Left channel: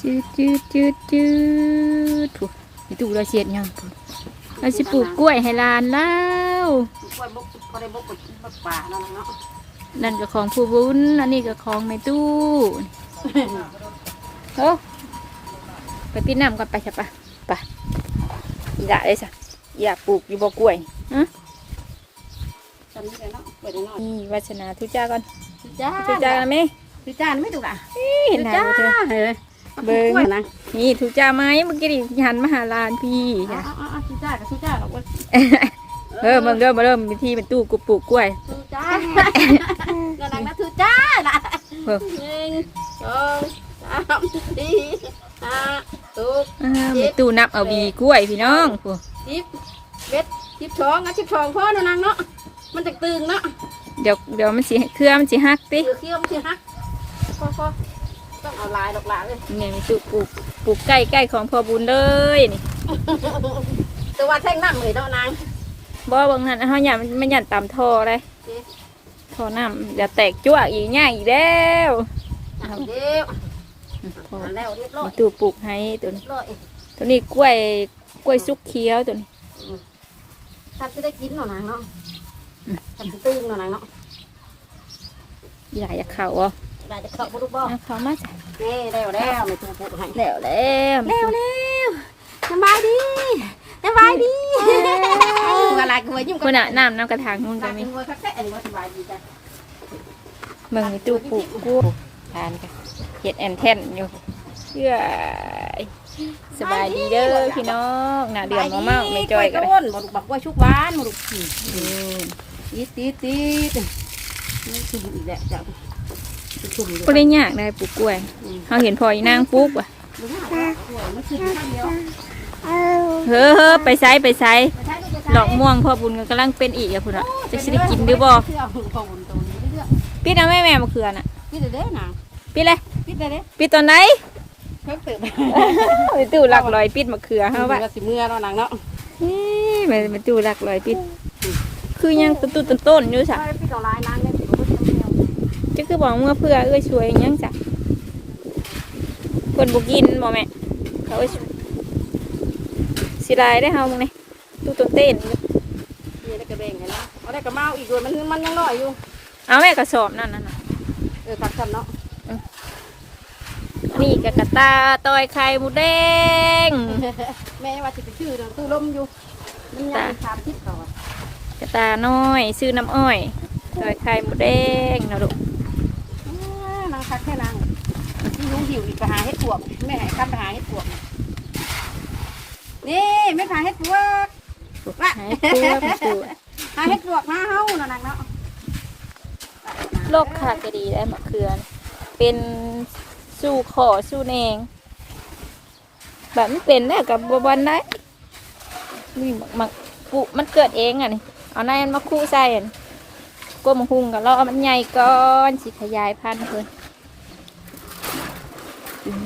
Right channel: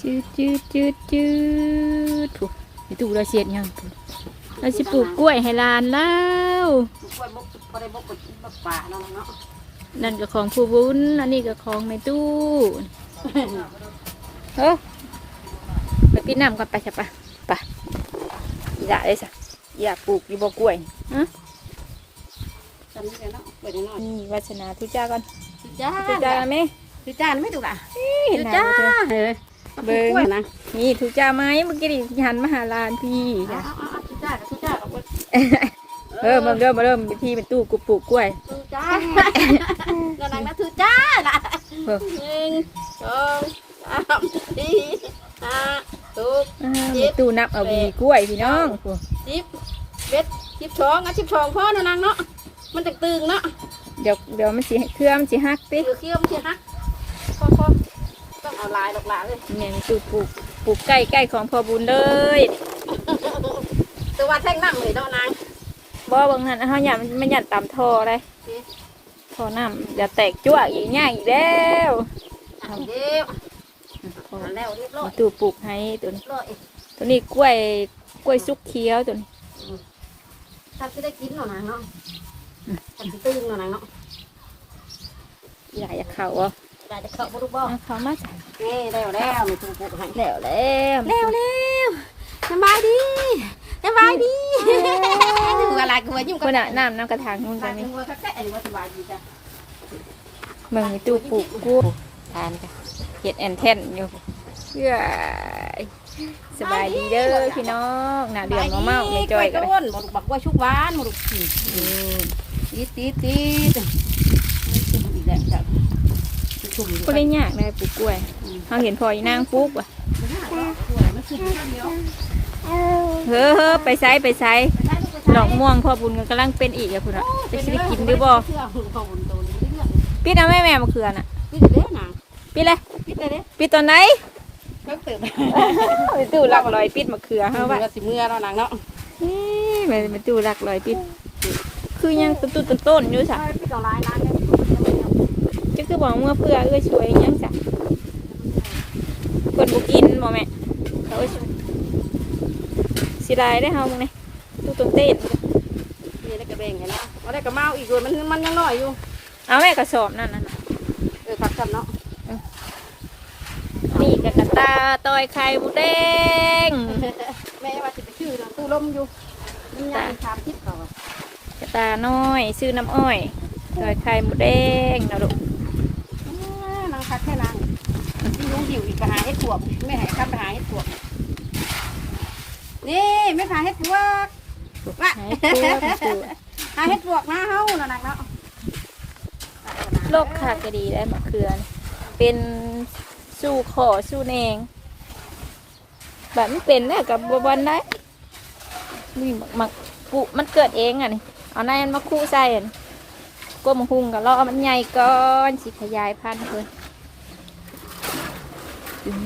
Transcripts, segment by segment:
จืดจืดจืดจืดถูกไอตู่เราเสียดยังถูกเราสิปลูกกล้วยให้หลานแล้วกล้วยบกพอได้บกไปกินแบบป่าเนาะเนาะนั่นก็ของผู้บุญอันนี้ก็ของในตู้เฮ้ยไปปิดน้ำก่อนไปจ้ะปะไปอย่าเลยจ้ะอย่าปลูกอยู่บ่กล้วยอื้อจำนี่เลยเนาะเปิดหน่อยนี่วัชนาทุจ้าก่อนจ้าทุจ้าไหมทุจ้าไม่ถูกอะเห็นทุไหมจ้าบ่เธอเฮ้ย เบิ่งนะนี่ทุจ้าไหมเมื่อกี้ดิหันมาหาลานพี่อ๋อจ้ะอ๋อทุจ้ากับทุจ้าเราก็เออมเริ่มเริ่มวิธีเป็นตู้กูปลูกกล้วยทุจ้าเรานังนะทุจ้านะเออ หนึ่งสองสามสี่ห้าหก อ่ามีตู้นับเอาวีกล้วยพี่น้องโอ้สิบเบ็ดสิบสองอะสิบสองพ่อเนาะนางเนาะมันจะตึงเนาะเดี๋ยวเดี๋ยวมันสิเครือมันสิหักติเคี้ยวมันจะฮักพ่อพ่อ ต้องเอาลายดอกหลาเลยเนี่ยมีตู้ปลูกปลูกใกล้ใกล้ของพ่อบุญเลยแต่ว่าแท่งน้ำเลยเนาะนางบ่บางนั้นเฮาหยันมันหยันตามท่อเลยท่อน้ำอย่าแตกจั่วอีกง่ายอีกแล้วเอาเดี๋ยวเอาแล้วเรียบร้อยมีตู้ปลูกให้ตัวนี้เรียบร้อยตัวนี้กล้วยกล้วยสุกเขียวตัวนี้ถ้าจะได้กินเนาะนางเนาะถ้าจะตึงเนาะนางเนาะอยากจะเข้าอะ อยากจะเข้าบุรุษบ่เอาเข้ามาจ้ะนี่แล้วแล้วไม่ถูกพูดให้แล้วแล้วแล้วแล้วสบายดีสบายดีอะไรกูว่ายิ้มคนน่ะน้ำน้ำกระถางนู่นกัก็นมีมีว่าแค่อันนี้ว่าสบายดีจ้ะเมืองมีตู้ปลูกกล้วยทานกันเห็ดแอนแทนอยู่เชื่อสบายดีเด้อพี่น้องหน้าเดือดมาเมาไม่จอยกันเลยต้นบ่ลูกบักว่าชุกหวานบ่ลูกตีตีตีตุ่มอีกแล้วจ้ะ ตุ่มอยู่ก็ได้ยากได้ปลูกกล้วยเขาเห็นพออีนางปลูกว่ะมันน่ารักสวยมันคือข้าวเหนียวเฮ้อเฮ้อไปไซไปไซดอกม่วงพ่อบุญก็กำลังเป็นอีกอะพุ่นอะจะสิได้กินหรือบ่เชื่อคุณพ่อบุญตัวนี้เรื่อยปิดเอาแม่แม่มาเขือน่ะๆนี่เด้อนะปิดเลยปิดเลยเด้ปิดตอนไหนเพิ่มเติมไปตู้หลักลอยปิดมะเขือเฮาเอาว่าว่าสิเมื่อเนาะนางเนาะไปไปตู้หลักลอยปิด คือยังตุ้ต้นต้นๆอยู่จ้ะ จะคือบอกเมื่อเพื่อเอ้ยช่วยยังจ้ะคนบุกินบ่แม่เขาเอ้ยสิลายได้เฮามึงนี่ตู้ต้นเต้นนี่ได้กระเบงกันแล้วเอาได้กระเมาอีกด้วยมันมันยังน้อยอยู่เอาแม่กระสอบนั่นน่ะน่ะเออพักกันเนาะนี่กะกะตาตอยไข่หมูแดงแม่ว่าสิไปชื่อตู้ลมอยู่มันยังทานทิศต่อกระตาน้อย ซื้อน้ำอ้อยตอยไข่หมูแดงนะลูก นางคักแค่นางที่ลุงหิวอีกไปหาเห็ดปวกแม่ให้ข้ามไปหาเห็ดปวกนี่ไม่หาเห็ดปวกหายตัวหายตัวหาเห็ดปวกมาเฮานั่นน่ะเนะโรคขาดก็ดีได้มะเขือน เป็นสู้ขอสู้แนงแบบไมันเป็นได้กับบวันได้นี่มักมักปุมันเกิดเองอะนี่เอาในมันมาคู่ใส่อะก้มหุงกับเราเอามันใหญ่ก่อนสิขยายพันธุ์เพิ่น ตึง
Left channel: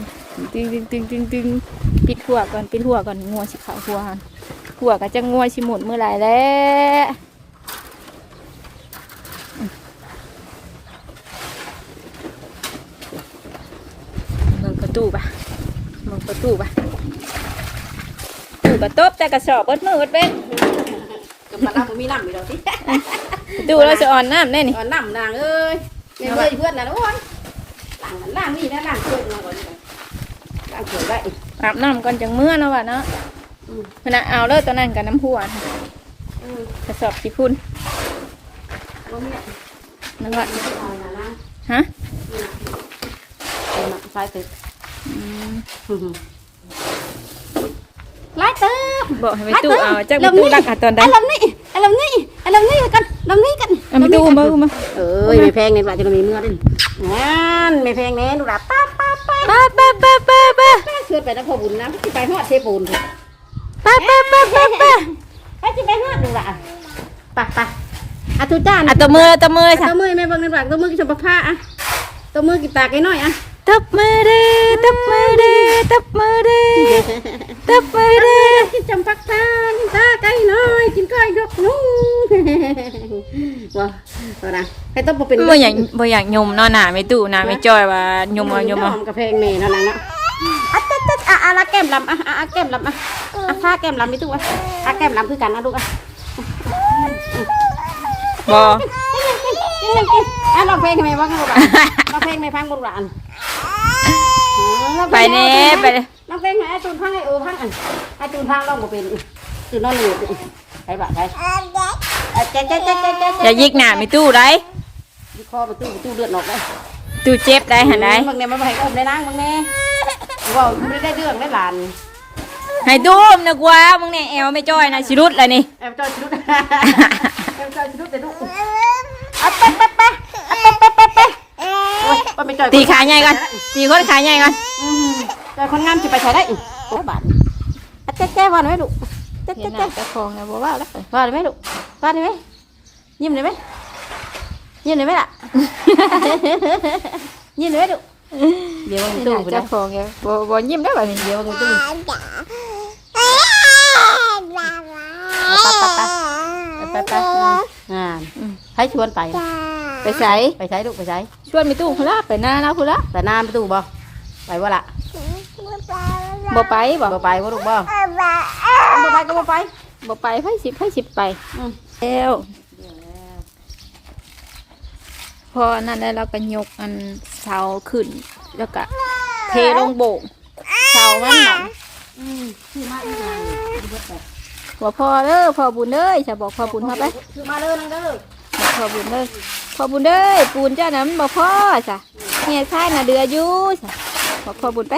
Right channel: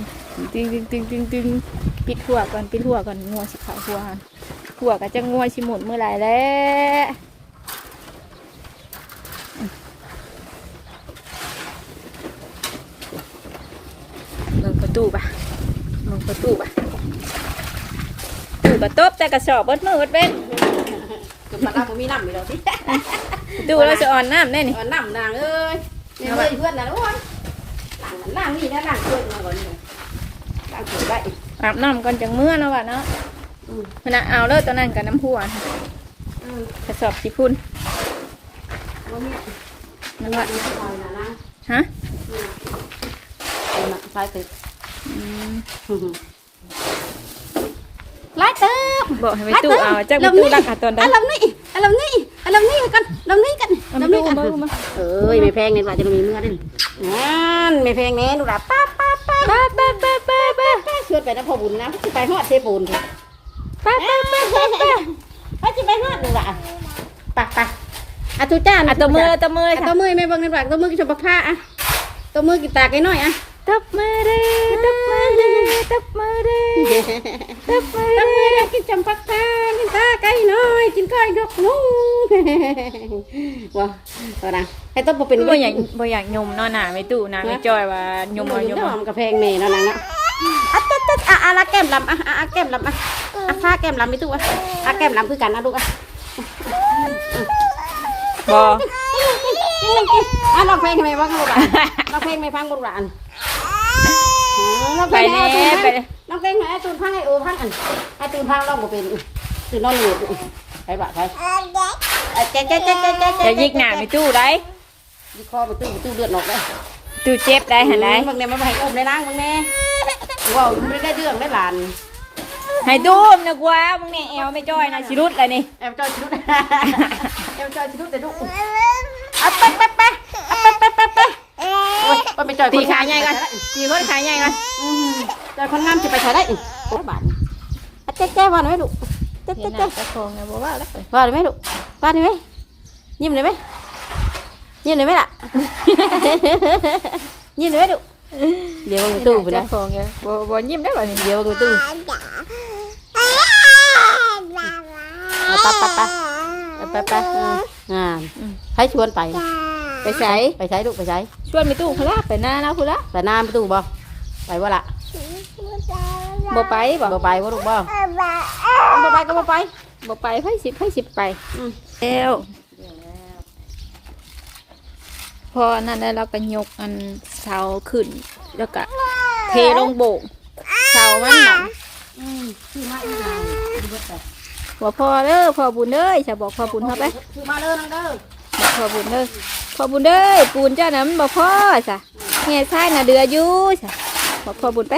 ตึงตึงตึงตึงตึงปิดหัวก่อนปิดหัวก่อนงัวสิขาวหัวหันหัวก็จะงัวสิหมุนเมื่อไหร่แล้วเบิ่งประตูปะเบิ่งประตูปะตู้กระตบแต่กระสอบเบดมือเบดเว้นกำลังเอามีน้ำอยู่แล้วสิตู้เราจะอ่อนน้ำแน่นี่ก่อนน้ำนางเอ้ยเนี่ยเลยเพื่อนน่ะนะว่าน้ำนี่นะน้ำเพื่อนก่อนน้ำเถื่ อนไว้อาบน้ำก่อนจังเมื่อแล้ววะเนาะอืมมันเอาเลิศตอนนั้นกับน้ำหัวนะอืมกระสอบขี้พุ่นแล้วเนี่ยนั่นวะนี่ตายนะนะฮะนี่นะใส่ตึกอืมไล่เติมบอกให้ไปตู้เอาจากไปตู้รักหาตอนใดอารมณ์นี่อารมณ์นี่อารมณ์นี่กันอารมณ์นี่กันเอาไปตู้มามาเอ้ยไม่แพงเงินบาทจะมีเมื่อดินั่นไม่แพงแน่ดูละป้าป้าป้าป้าป้าป้าป้า ป้าเชื่อไปนะพ่อบุญนะไปฮอดเทปูนเถอะป้าป้าป้าป้าป้าไปจะไปฮอดดูละไปไปอะทุจ้าอะตัวมือตัวมืออะค่ะตัวมือไม่เบิ่งในปากตัวมือกินชมพักผ้าอะตัวมือกินตากไอ้น้อยอะตับมือดีตับมือดีตับมือดีตับมือตัวดีมือกินชมพักผ้ากินตาไก่น้อยกินก้อยดอกนุ่งว้าตัวนะให้ต้องเป็นบ่อยากบ่อยากยมเนาะหนาไม่ตู้หนาไม่จอยว่ายมเอายมหเอาอมกระเพงเมย์นั่นนะเนาะะอะอะละแก้มลำอะอะอะแก้มลำอะอะผ้าแก้มลำไม่ตู้อะอะแก้มลำคือกันนะลูกอะบออะร้องเพลงให้แม่ฟังลูกอะร้องเพลงให้ฟังลูกอะอันร้องไปเพลงเน่ให้ไปไปร้องเพลงให้ไอ้ตูนพังไอ้โอพังอันไอ้ตูนพังร้องบ่เป็นตูนนอนอยู่ใช่ปะใช่เจ๊เจ๊เจ๊เจ๊เจ๊อย่ายิกหน้ามีตู้ไรยิกคอประตูประตูเลือดออกเลยตู้เจ็บได้หันได้บางเนี่ยมันไปอุ้มได้นั่งบางเนี่ย ว้าวไม่ได้เรื่องได้หลานให้ตู้มนะกว่ามึงเนี่ยแอวไม่จ้อยนะสิรุดเลยนี่เอ็มจอยชิลุดเอ็มจอยชิลุดแต่ดูอะไปไปไปอะไปไปไปไปโอ้ยไปจอยตีขาใหญ่กันตีคนขาใหญ่กันอืมจอยคนงามจะไปถอยได้อีกโอ้บาทอะเจ๊เจ๊ว่าหน่อยลูกเจ๊เจ๊เจ๊จะโคงนะบอกว่าแล้วว่าได้ไหมลูกว่าได้ไหมยิ้มได้ไหมยิ้มได้ไหมล่ะ ยิ้มได้ไหมลูก เดี๋ยวมันตู้ไปจะแล้วโคงไงบอบยิ้มได้แบบนี้เดี๋ยวมันตู้ไปไปไปงานให้ชวนไป ไปใส่ไปใช้ลูกไปใช้ชวนไปตู้คุละไปหน้านะคุละแต่น้ำไปตู้บ่ไปว่าละบ่ไปบ่บ่ไปว่าลูกบ่บ่ไปก็บ่ไปบ่ไปไพ่สิบไพ่สิบไปอืมแล้ว พอนั่นแล้วเราก็ยกอันเสาขึ้น แล้วก็เทลงโบกเสามันน่ะบ่พอเด้อพอบุญเด้อจะบอกพอบุญเข้าไปคือมาเด้อนังเด้อบอกพอบุญเด้อพอบุญเด้อปูนเจ้านั้นบ่พอจ้ะแง่ใช่น่ะเดืออยู่จ้ะบอกพอบุญไป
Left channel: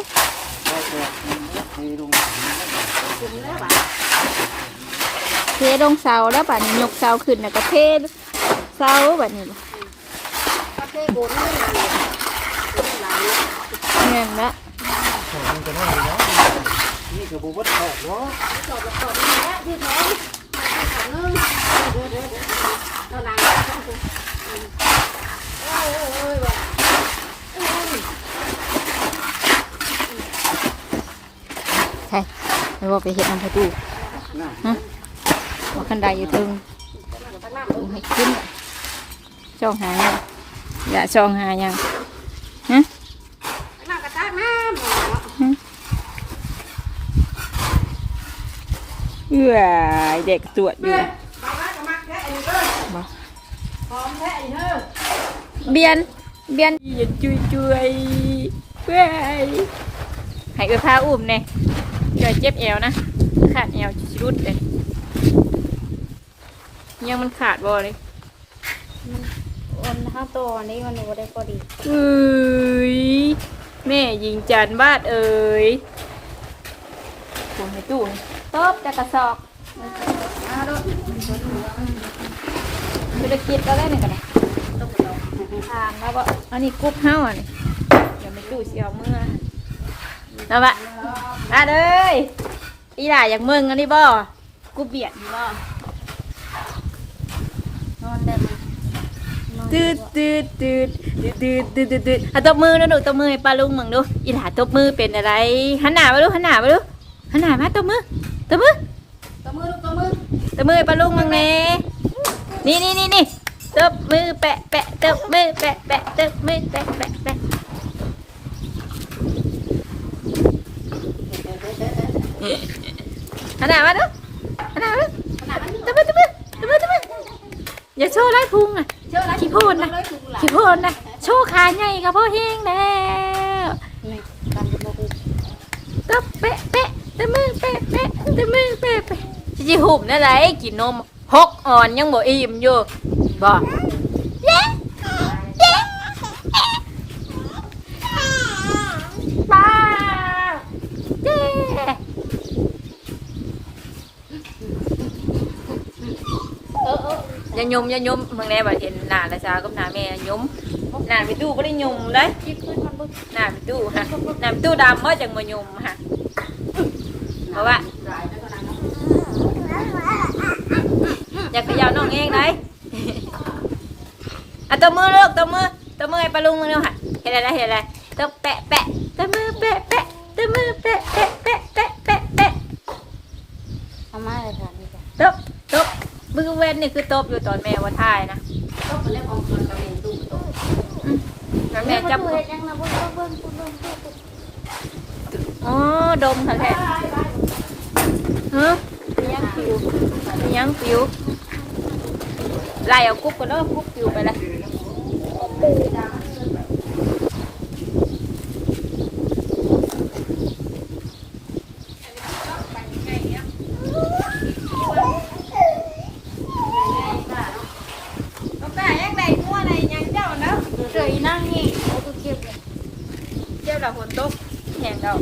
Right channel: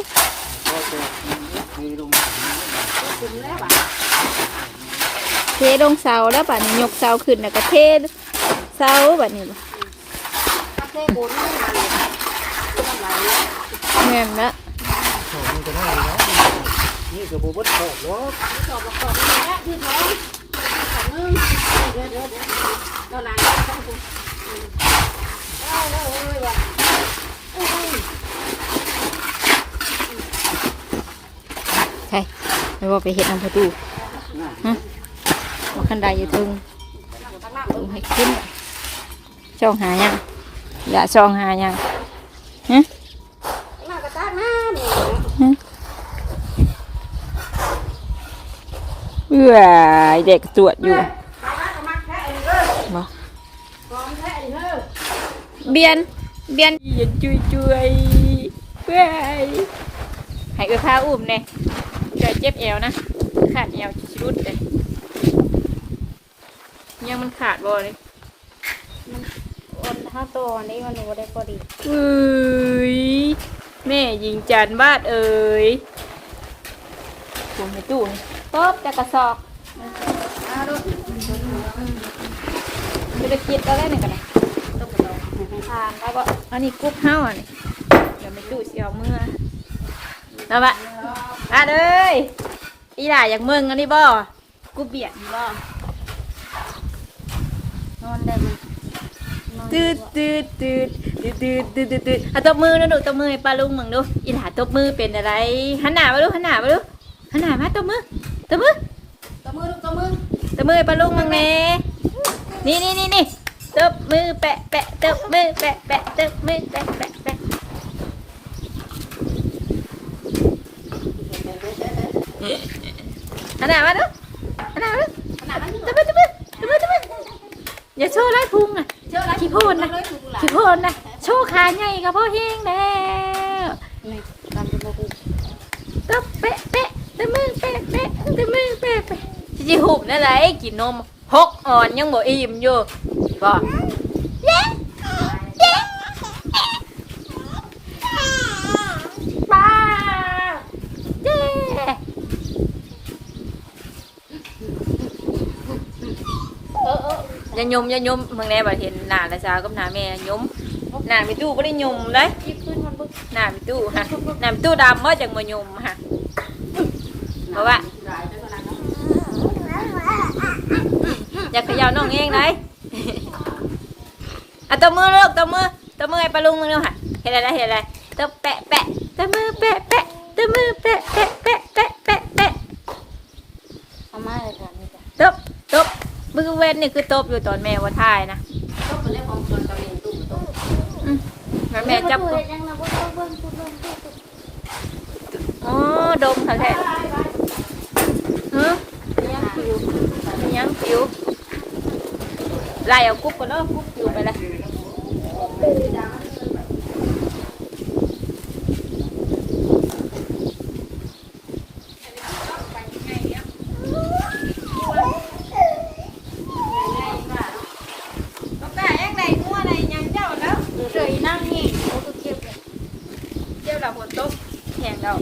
เทลงเสาแล้วบัดนี้ยกเสาขึ้นแล้วก็เทเสาบัดนี้บ่ เงินละนี่ก็บ่เบิดขอบเนาะใช่ไม่ว่าไปเห็ดน้ำประตูฮะว่าคันใดอยู่ถึงลุงให้ขึ้นช่องหายัง อย่าช่องหายังฮะเอื้อเด็กตรวจอยู่บ่เบียน เบียนอย่าจุยจุยเพื่อให้เอื้อพาอุ้มเนี่ยเกิดเจ็บเอวนะ ขาดเอวชุดเลยยังมันขาดบ่เลย วันห้าตัวนี้มันบ่ได้พอดีเอ้ยแม่ยิงจันบาดเอ้ยปวดในตู้นี่ตบแต่กระสอบจะได้คิดแล้วแหละนี่กันนะทานแล้วก็อันนี้กุ๊บเฮ้าอันนี้เดี๋ยวไม่ตู้เสียวเมื่อนะบะมาเลยอีหล่าอยากมึงอันนี้บ่กูเบียดบ่นอนได้มัน ตืดตืดตืดตืดตืดตืดตืดอะตบมือนะดูตบมือให้ป้าลุงมึงดูอีหลาตบมือเป็นอะไรหันหน้ามาดูหันหน้ามาดูหันหน้ามาตบมือตบมือตะมือตะมือตบมือป้าลุงมึงแน่นี่นี่นี่นี่ตบมือแปะแปะตบมือแปะแปะตบมือแปะแปะแปะหันหน้ามาดูหันหน้ามาดูตบมือตบมือ อย่าโชว์ไล่พุงนะเชื่อนะขี้โคนนะขี้โคนนะโชว์ขาใหญ่กับพ่อเฮงแล้วนี่การจะมากูตบเป๊ะเป๊ะตะมือเป๊ะเป๊ะตะมือเป๊ะเป๊ะสิหุบนั่นแหละกินนมหกอ่อนยังบ่อิ่มอยู่บ่ป้าเจ้อ ย่ายมอย่ายมเมืองแน่บ่เห็นหน้าละชากับหน้าแม่ยมหน้าพี่ตู้บ่ได้ยมเลยยิบขึ้นมันบึ้งน้ำตู้ฮะน้ำตู้ดำเมื่อจังมายมฮะเพราะว่าอยากขยับน้องเองเลยอะตัวมือลูกตัวมือตัวมือให้ปลาลุงมาเร็วฮะเห็นอะไรเห็นอะไรตัวแปะแปะตัวมือแปะแปะตัวมือแปะแปะแปะแปะแปะแปะเอามาเลยค่ะนี่จ้ะตบตบ มือเว้นนี่คือตบอยู่ตอนแม่ว่าทายนะต้องเลี้ยงของคนตะมือตู้ตู้แม่จับเฮ็ดยังนะบ่ต้องเบิ่งตู้เบิ่งตู้อ๋อดมค่ะแท้ฮะยังผิวไล่เอากุ๊บก็แล้วกุ๊บอยู่ไปละเจ้าละฝนตกแห้งแล้ว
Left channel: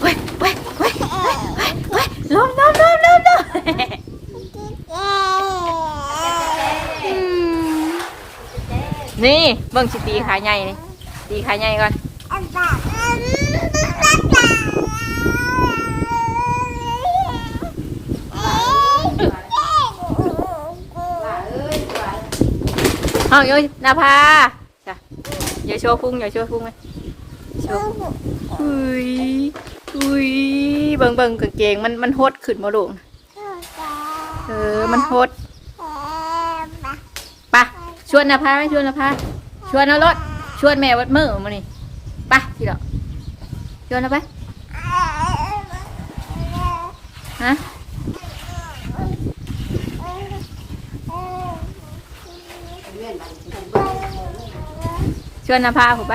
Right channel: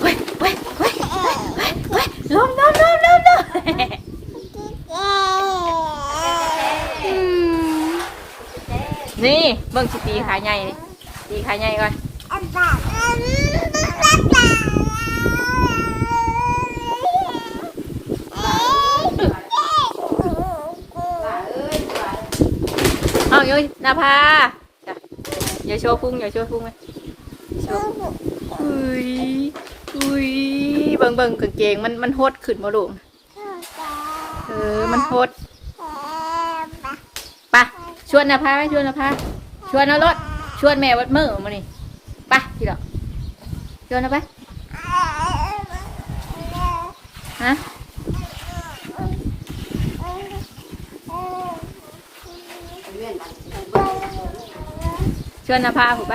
เว้ยเว้ยเว้ยเว้ยลมลมลมลมลมอืม นี่เบิ่งสิตีขาใหญ่ตีขาใหญ่ก่อนเอาโยนาภาจ้ะอย่าโชว์พุงอย่าโชว์พุงเลยโชว์อุ้ยอุ้ยเบิ่งเบิ่งกางเกงมันมันหดขึ้นมาลูกเออมันหด ชวนนาภาไหมชวนนาภาชวนเอารถชวนแม่วัดมือมานี่ไปทีเดียวชวนเอาไปฮะชวนนาภาผูไป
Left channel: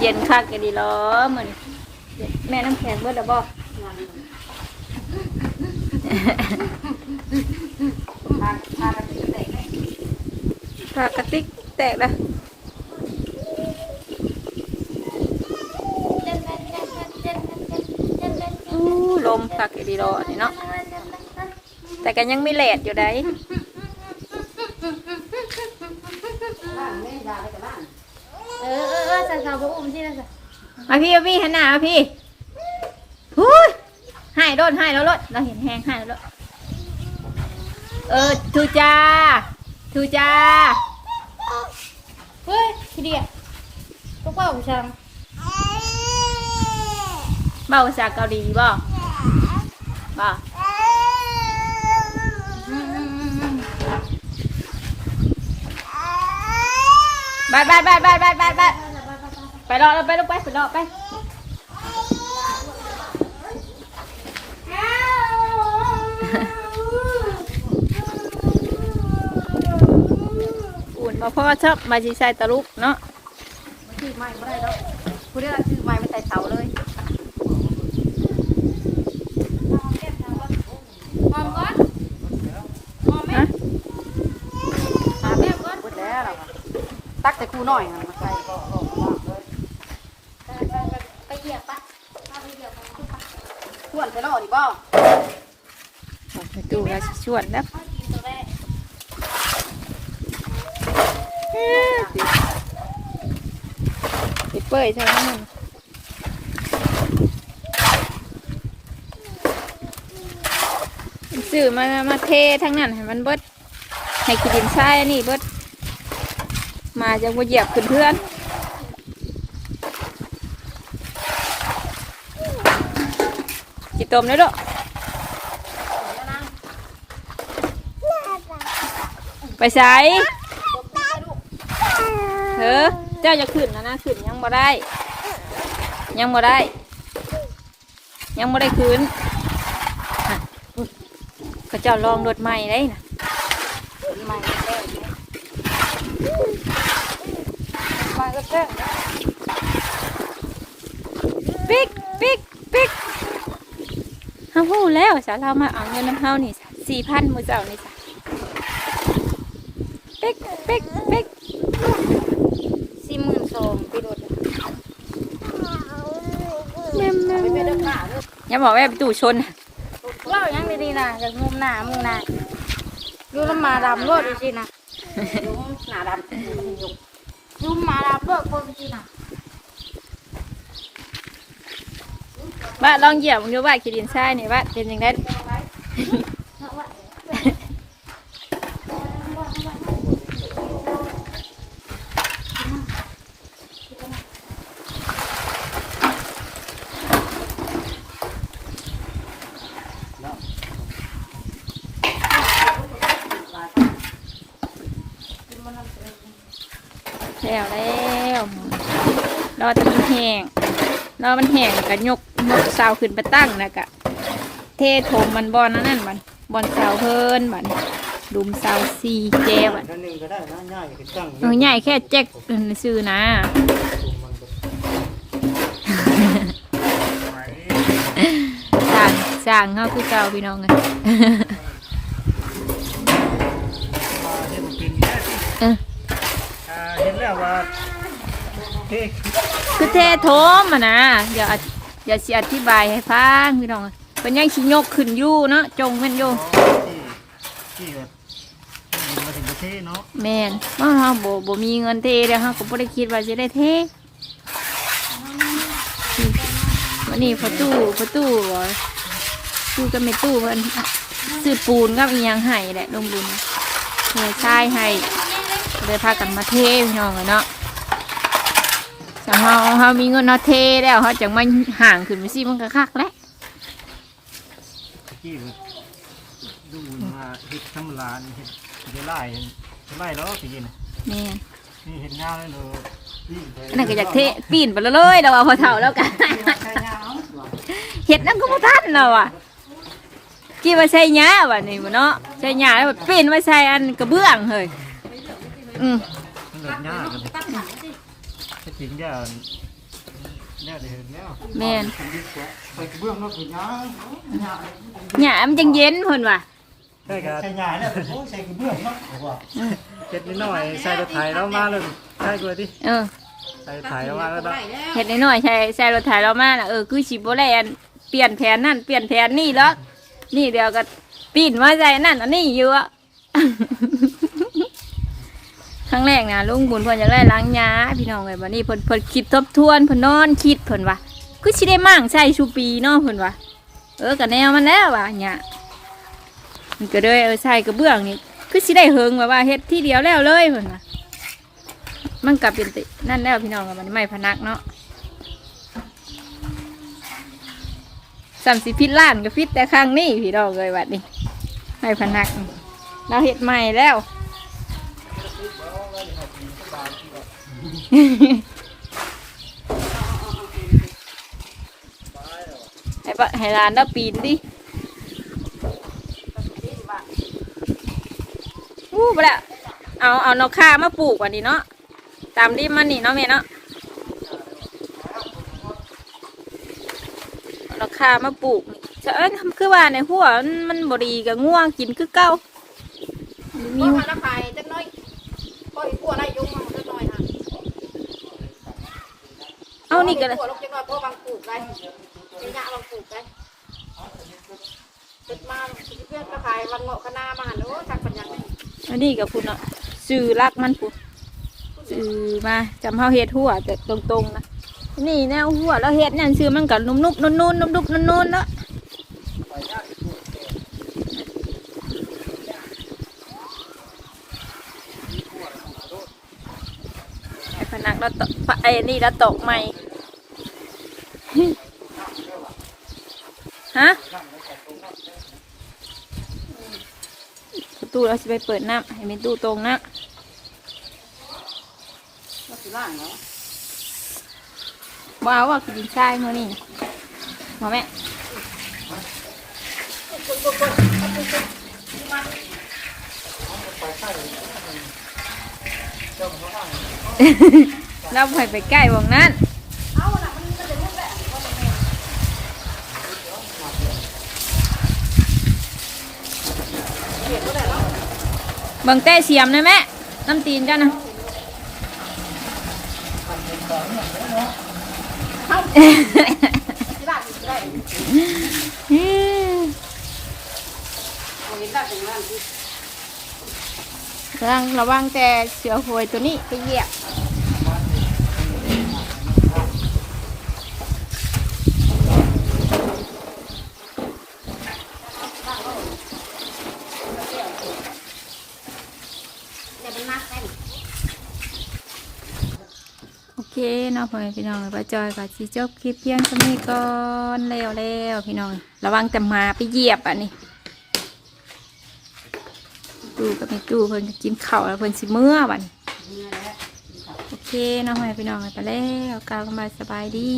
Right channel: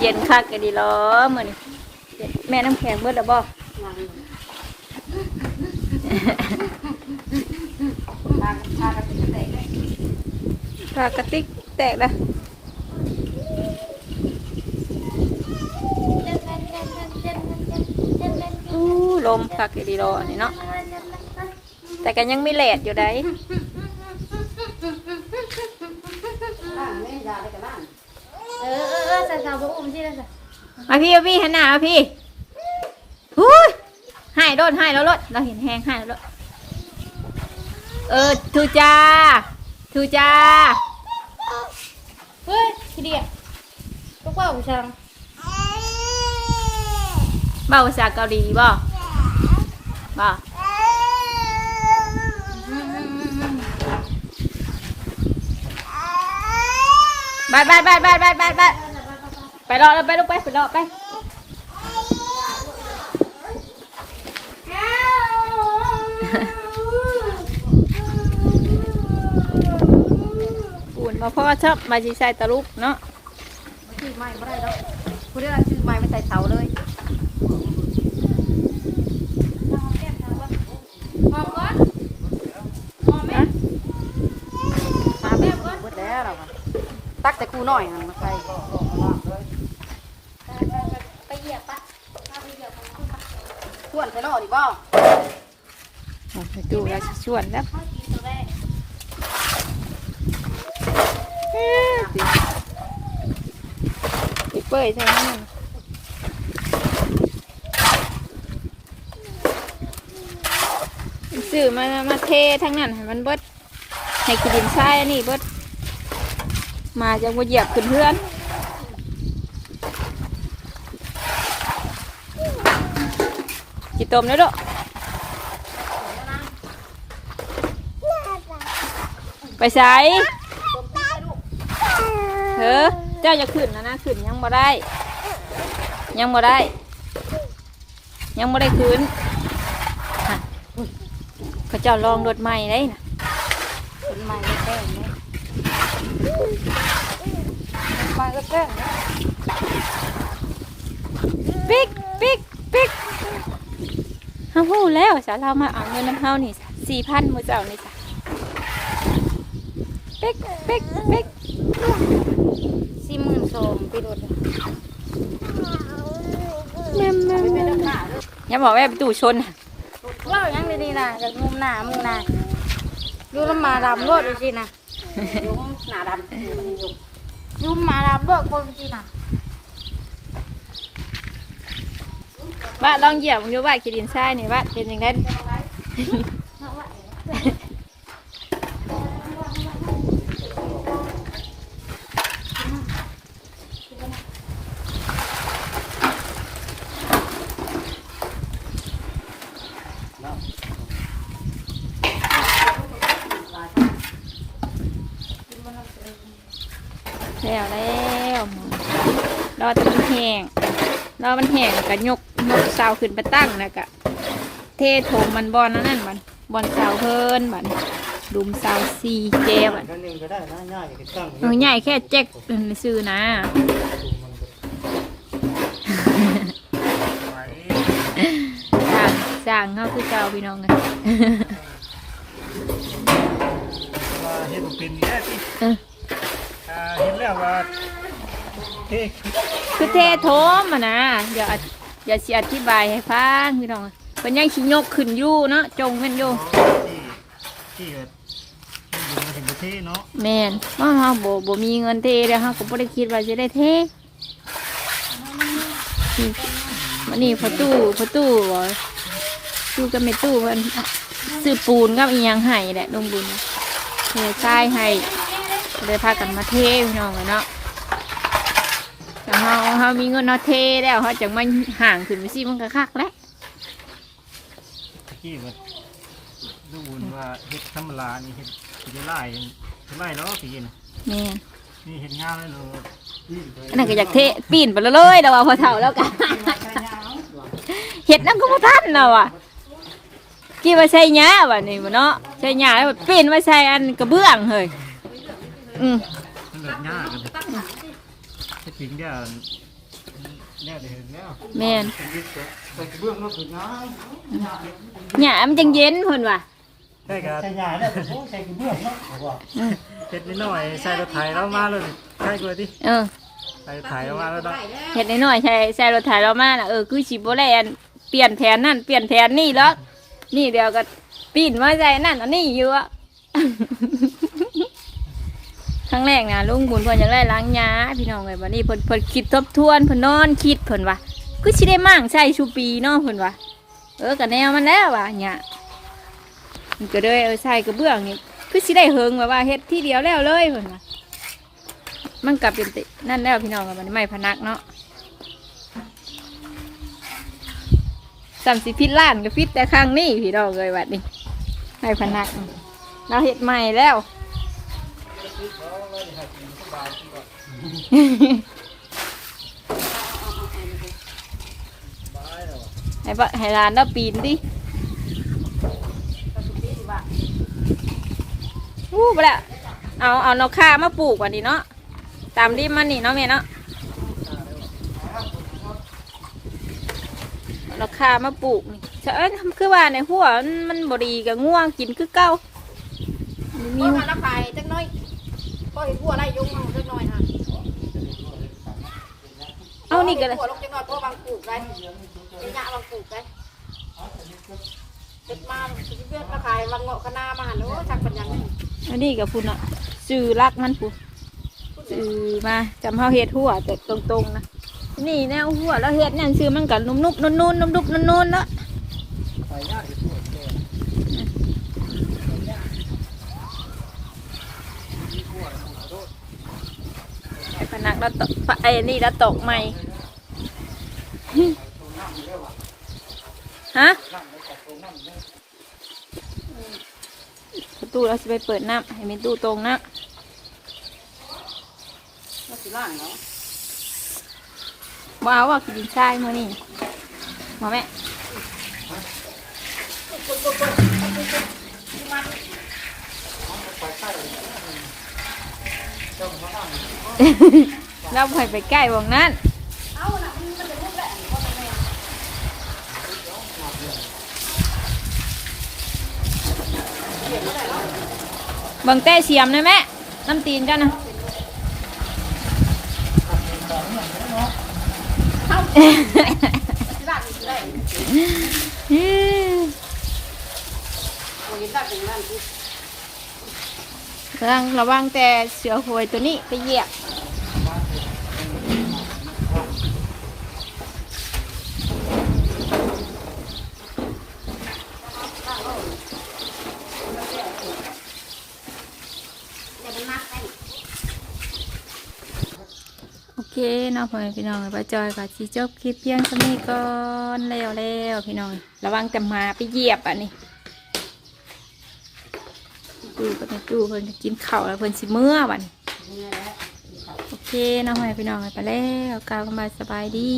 เย็นคักกันดีล้อเหมือนแม่น้ำแข็งเบิดแล้วบอก ปากกระติกแตกแล้วอู้ลมคักกันดีล้อนี่เนาะแต่กันยังไม่แหลดอยู่ได้เออเออเออสาวๆบ่อุ้มสิละจ้ะมาพี่มาพี่หันหน้ามาพี่หูยให้โดนให้แล้วรถเราเห็นแหงให้แล้วรถ เออทูจ้าทูจ้าเฮ้ยทีเดียวก็ว่าผู้ชายเบาภาษาเกาหลีบ่บ่บายบายบายบายบายบายบายไปรอไปลูกไปไปรอไป มาพ่อชอบมาจีใส่ตะลุกเนาะชื่อใหม่ไม่ได้แล้วผู้ได้ชื่อใหม่ไม่ใส่เสาเลยฮะแล้วตักแต่กูหน่อยนะใส่ขวนจะรอดบ่เอาไปดูแล้วสิชวนแล้ เปเปิดใช่ไหมสื่อมา มาเททั้งนั้นให้มันเบิดให้กินดินทรายอันนี้เบิดมาจะมาเหยียบเพื่อนกินต้มแล้วดอกไปใส่ เออเจ้าจะขึ้นนะนะขึ้นยังบ่ได้ ยังบ่ได้ ยังบ่ได้ขึ้นฮะเขาเจ้าลองรถใหม่ได้นะต้นไม้ก็แป้งไหมต้นไม้ก็แป้งไหมปิ๊กปิ๊กปิ๊กเฮาฮู้แล้วสาเรามาเอาเงินน้ำเฮานี่สี่พันมื้อเจ้านี่จ้ะปิ๊กปิ๊กปิ๊ก สี่หมื่นสองปีรถอะแม่แม่ไม่เป็นแม่เรื่องหนาเลยอย่าบอกว่าไปตู่ชนน่ะเล่ายังดีๆนะจากมุมหนามือหนาดูน้ำมาดำรถดูสินะดูหนาดำมันยุกดูมาดำรถคนสินะบ้านลองเหยียบมึงดูบ้านขีดินทรายนี่บ้านเป็นยังไง รอมันแห้งแล้วก็ยกยกเสาขึ้นไปตั้งนะกะเทถมมันบอลนั่นนั่นมันบอลเสาเพิ่นมันดุมเสาซีเจบันนั่นหนึ่งก็ได้นะง่ายก็จังเออใหญ่แค่แจ็คซื้อนะสร้างสร้างเขาคือเก่าพี่น้องเลยว่าเห็นเป็นแค่เอออ่าเห็นแล้วว่าเท่ คือเทโถมอะนะอย่าอย่าสิอธิบายให้ฟังพี่น้องเป็นยังชิยกขึ้นอยู่เนาะจงเป็นอยู่ที่แบบยิงมาถึงประเทศเนาะแมนว่าเฮาบ่บ่มีเงินเทแล้วเฮาก็บ่ได้คิดว่าสิได้เทวันนี้พอตู้พอตู้บ่ตู้ก็ไม่ตู้เพิ่นซื้อปูนกับอียังให้แหละลงบุญเททรายให้เลยพากันมาเทพี่น้องอะเนาะ เฮาเฮามีเงินเฮาเทแล้วเฮาจังมาห่างขึ้นไปสิมันก็คักแล้วที่แบบดูว่าเห็ดธรรมดานี่เห็ดจะไล่จะไล่แล้วสินะแม่นนี่เห็ดงานเลยเลยนี่ไปอันนั้นก็อยากเทปีนไปเลยแต่ว่าพอเท่าแล้วกันเห็ดนั่นก็บ่ทันแล้วอะกี่ว่าใช่หญ้าว่ะนี่บ่เนาะใช่หญ้าแล้วปีนไว้ใส่อันกระเบื้องเฮ้ยอืมนั่นเลยง่ายกันถ้า จริงเนี่ยเนี่ยเห็นแล้วแม่นไปเบื้องรถถึงยังหญ้ามันจังเย็นเพิ่นว่ะใช่ครับใช่ใหญ่เนี่ยโอ้ใส่กระเบื้องเนาะเจ็ดนิดหน่อยใส่รถไถแล้วมาเลยใช่กว่าดิเออใส่รถไถแล้วมาแล้วเนาะเฮ็ดน้อยๆใช่ใส่รถไถเรามาน่ะเออคือสิบ่ได้อันเปลี่ยนแผนนั่นเปลี่ยนแผนนี่หรอกนี่เดี๋ยวก็ปีนมาใส่นั่นอันนี้อยู่อะ ครั้งแรกนะลุงบุญเพิ่นอยากได้ล้างยาพี่น้องเลยวันนี้เพิ่นเพิ่นคิดทบทวนเพิ่นนอนคิดเพิ่นว่าคือสิได้มั่งใช่ชูปีเนาะเพิ่นว่าเออก็แนวมันแล้วว่ะเนี่ยมันก็เลยเออใส่กระเบื้องนี่คือสิได้เฮิงว่าว่าเฮ็ดที่เดียวแล้วเลยเพิ่นว่ามันก็เป็นตินั่นแล้วพี่น้องกันวันนี้ไม่พนักเนาะสามสิพิษล้านก็พิษแต่ครั้งนี้พี่น้องเลยวัดนี้ไม่พนักเราเฮ็ดใหม่แล้ว ให้ปะให้ร้านเราปีนดิวู้ไปละเอาเอานกข่ามาปลูกวันนี้เนาะ ตามริมมันนี่เนาะแม่เนาะเอานกข่ามาปลูกจะเอ้ยคือว่าในหัวมันบดีกับง่วงกินคือเก้ามันมีว่ามันไปจักหน้อยพออีกบัวไล่งมาจักหน่อยฮะ เอา นี่ก็เลยบัวลงจักหน่อยเพราะมันปลูกไงระยะมันปลูกไงจุดมาเพื่อนกระพายมันเงาะคณะมาหันโอ้จักเป็นยังไงอันนี้กับพุ่นอะสื่อรักมันพุ่นสื่อมาจำเฮาเฮ็ดหัวแต่ตรงๆนะนี่แนวหัวแล้วเฮ็ดเนี่ยซื้อมันกับนุ่มๆนุ่มๆนุ่มๆนุ่มนุ่มๆเนาะไอ้พนักแล้วตกไอ้นี่แล้วตกใหม่ ฮะประตูเราจะไปเปิดน้ำให้มีตู้ตรงนะว้าวว่ากินชายมื่อนี่มาแม่เราไปไปใกล้วงนั้น บิ่งเต้เสียมนะแม่น้ำตีนจ้ะนะระวังระวังแต่เสือโหวยตัวนี้ไปเหยียบ นาะพ่อแม่พี่น้องป้าจอยกับชีจบคลิปเพียงเท่านี้ก่อนแล้วแล้วพี่น้องระวังจะมาไปเหยียบอะนี่ดูกับแม่ตู้เพิ่นก็กินข้าวแล้วเพิ่นสิเมื่อวันโอเคเน้องใหม่พี่น้องไปแล้วกล่าวกันมาสบายดี